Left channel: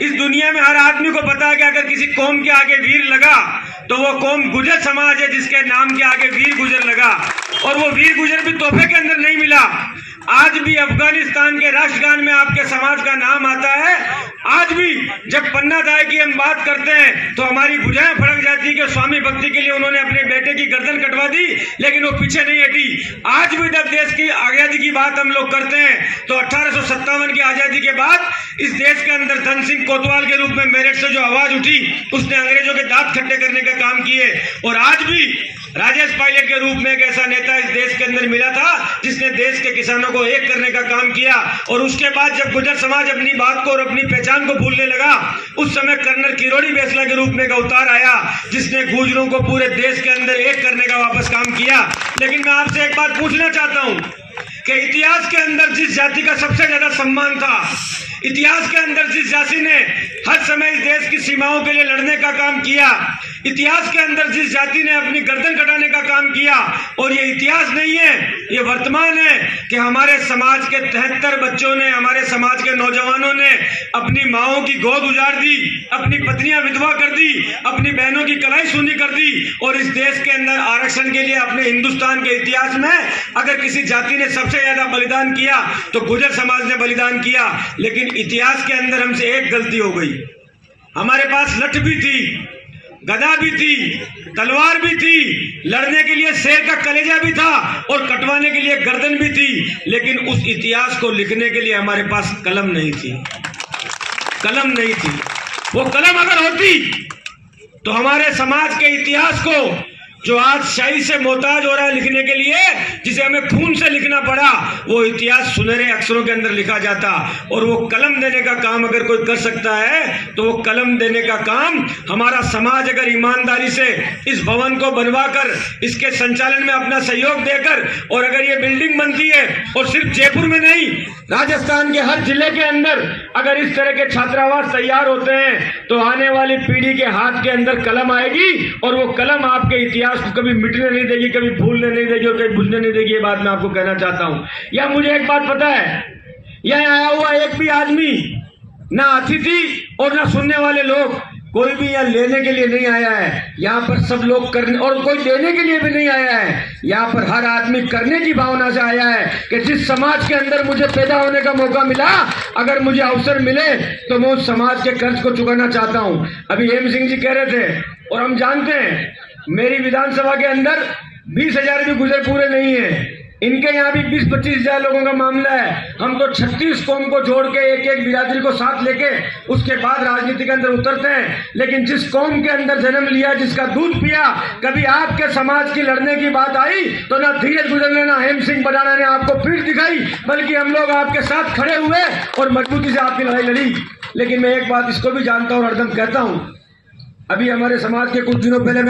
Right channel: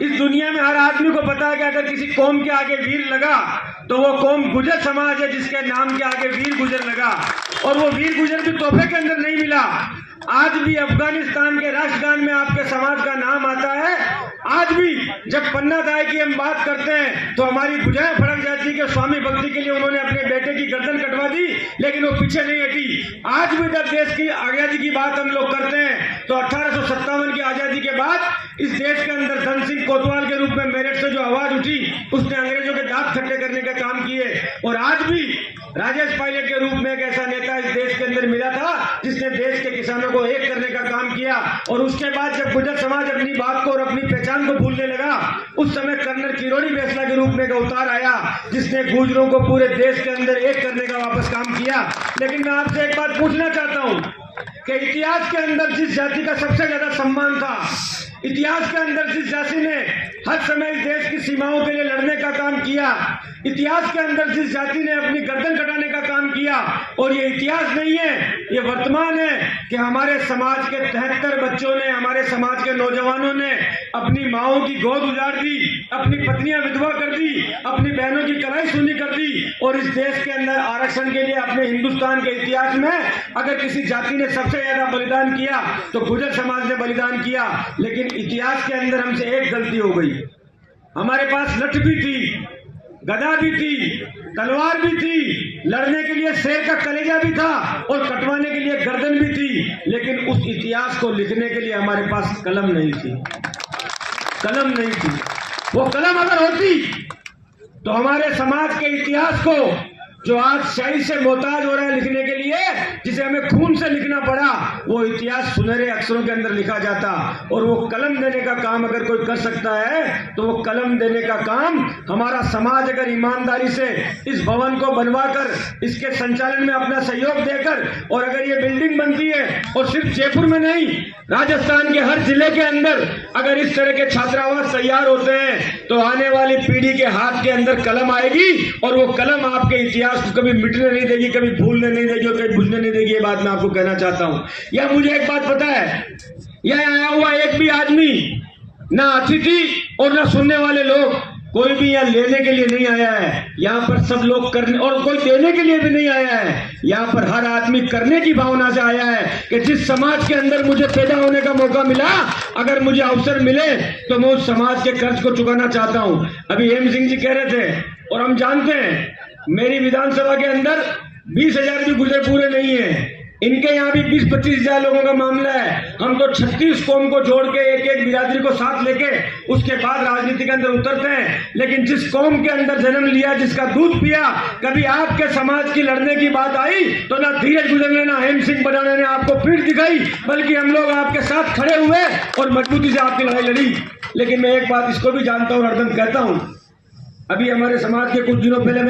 इस दुनिया में हर आदमी को पता है कि अगर किसी कौम के आगे वीर लगा तो वो कौम गुजर समाज है, जिसके नाम के आगे वीर गुजर लगा। और वो वीर गुजर भी तोहफे के अंदर नहीं मिला। आज भी अफगानिस्तान के राष्ट्रगान में आपके समाज का नाम आता है। आज भी जब पन्ना दाई की हम बात करते हैं तो हमारी भुजाएं फड़क जाती है कि स्वामी भक्ति के लिए उन्होंने अपने बेटे की गर्दन कटवा दी, लेकिन वो पीछे नहीं हटी। आज भी जब देश की आजादी की बात हम लोग करते हैं तो 1857 की आजादी के बाद इस देश के अंदर धन सिंह कोतवाल के रूप में मेरठ से जो आवाज उठी, उसने अंग्रेजों के दांत खट्टे करने का काम किए। और आज भी राजेश पायलट के रूप में एक ऐसा नेता इस देश के अंदर मिला था जिसने देश के किसानों को एक करने का काम किया। और उसके बाद जब गुजर समाज अपनी बात को और अपनी पहचान को भूलने लगा, उस समय कर्नल किरोड़ी बेसला के रूप में एक अवतार आया जिसने गुजरों को पूरे देश के अंदर एक करने का वापस काम किया। लेकिन मैं आपसे एक बात पूछना चाहता हूं कि इतिहास के अंदर जिस जाति का सबसे ज्यादा सम्मान था, इतिहास के अंदर जिस जाति ने हर समय इस देश की सीमाओं के लिए लड़ने का काम किया, इतिहास के अंदर जिस जाति ने अपनी गर्दन कटाने का काम किया, और ये इतिहास नहीं है, ये वर्तमान है कि हमारे समाज के 73 बच्चों ने, हमारे समाज के नौजवानों ने अपनी माओं की गोद उजाड़ दी, अपनी पत्नियां विधवा कर दी, अपनी बहनों की कलाई सूनी कर दी। और इस देश के अंदर आरक्षण के लिए अपने हिंदुस्तान के इतिहास में अगर किसी जाति ने सबसे ज्यादा बलिदान किया तो गुजर समाज ने बलिदान किया। लेकिन इतिहास के अंदर हमसे एक गलती हो गई। हमारे पास लठ भी थी, गदा भी थी, तलवार भी थी, लड़ने के लिए शेर का कलेजा भी था और कटवाने के लिए गर्दन भी थी, लेकिन उस इतिहास को लिखने के लिए हमारे पास कलम नहीं थी। कलम नहीं थी। वो कलम अगर होती तो हमारे समाज के इतिहास को, जो आज शाही से मोहताज हो रहा है लिखने के लिए, जिसे हमें खून से लिखना पड़ा, वो इतिहास सुनहरे अक्षरों के अंदर लिखा जाता। और वो कलम देने का काम अगर कोई कर सकता है तो वो कलम देने का काम हमारा समाज अगर ईमानदारी से इस भवन को बनवाकर इसके संचालन में अपना सहयोग देकर, और अगर ये बिल्डिंग बनती है और सिर्फ जयपुर में नहीं, राजस्थान के हर जिले के अंदर अगर इस तरह के छात्रावास तैयार होते हैं तो आने वाली पीढ़ी के हाथ के अंदर कलम आएगी और वो कलम आपके इतिहास को कभी मिटने नहीं देगी, कभी भूलने नहीं देगी और कभी भूलने नहीं देगी। ये बात मैं आपको कहना चाहता हूं। या मुझे एक बात पता है, यह आया हुआ एक भी आदमी, ना अतिथि और ना सुनने वाले लोग, कोई भी यहाँ लेने के लिए नहीं आया है। यहाँ पर सब लोग करने, और कोई देने के लिए भी नहीं आया है। यहाँ पर हर आदमी करने की भावना से आया है कि जिस समाज के अंदर मुझे पैदा होने का मौका मिला, अगर मुझे अवसर मिले तो मैं उस समाज के कर्ज को चुकाना चाहता हूँ। अभी हेम सिंह जी कह रहे थे, और हम जानते हैं मेरी विधानसभा के अंदर 20,000 भी गुजर पूरे नहीं है। इनके यहाँ भी 20-25 हजार लोगों का मामला है। हम तो 36 कौम को जोड़ के एक एक बिरादरी को साथ लेके उसके बाद राजनीति के अंदर उतरते हैं। लेकिन जिस कौम के अंदर जन्म लिया, जिसका दूध पिया, कभी आपके समाज की लड़ने की बात आई तो ना धीरज गुजरने, ना हेम सिंह पठाना ने आपको पीठ दिखाई, बल्कि हम लोग आपके साथ खड़े हुए और मजबूती से आपकी लड़ाई लड़ी। लेकिन मैं एक बात इसको भी जानता हूँ और हरदम कहता हूँ, अभी हमारे समाज के कुछ दिनों पहले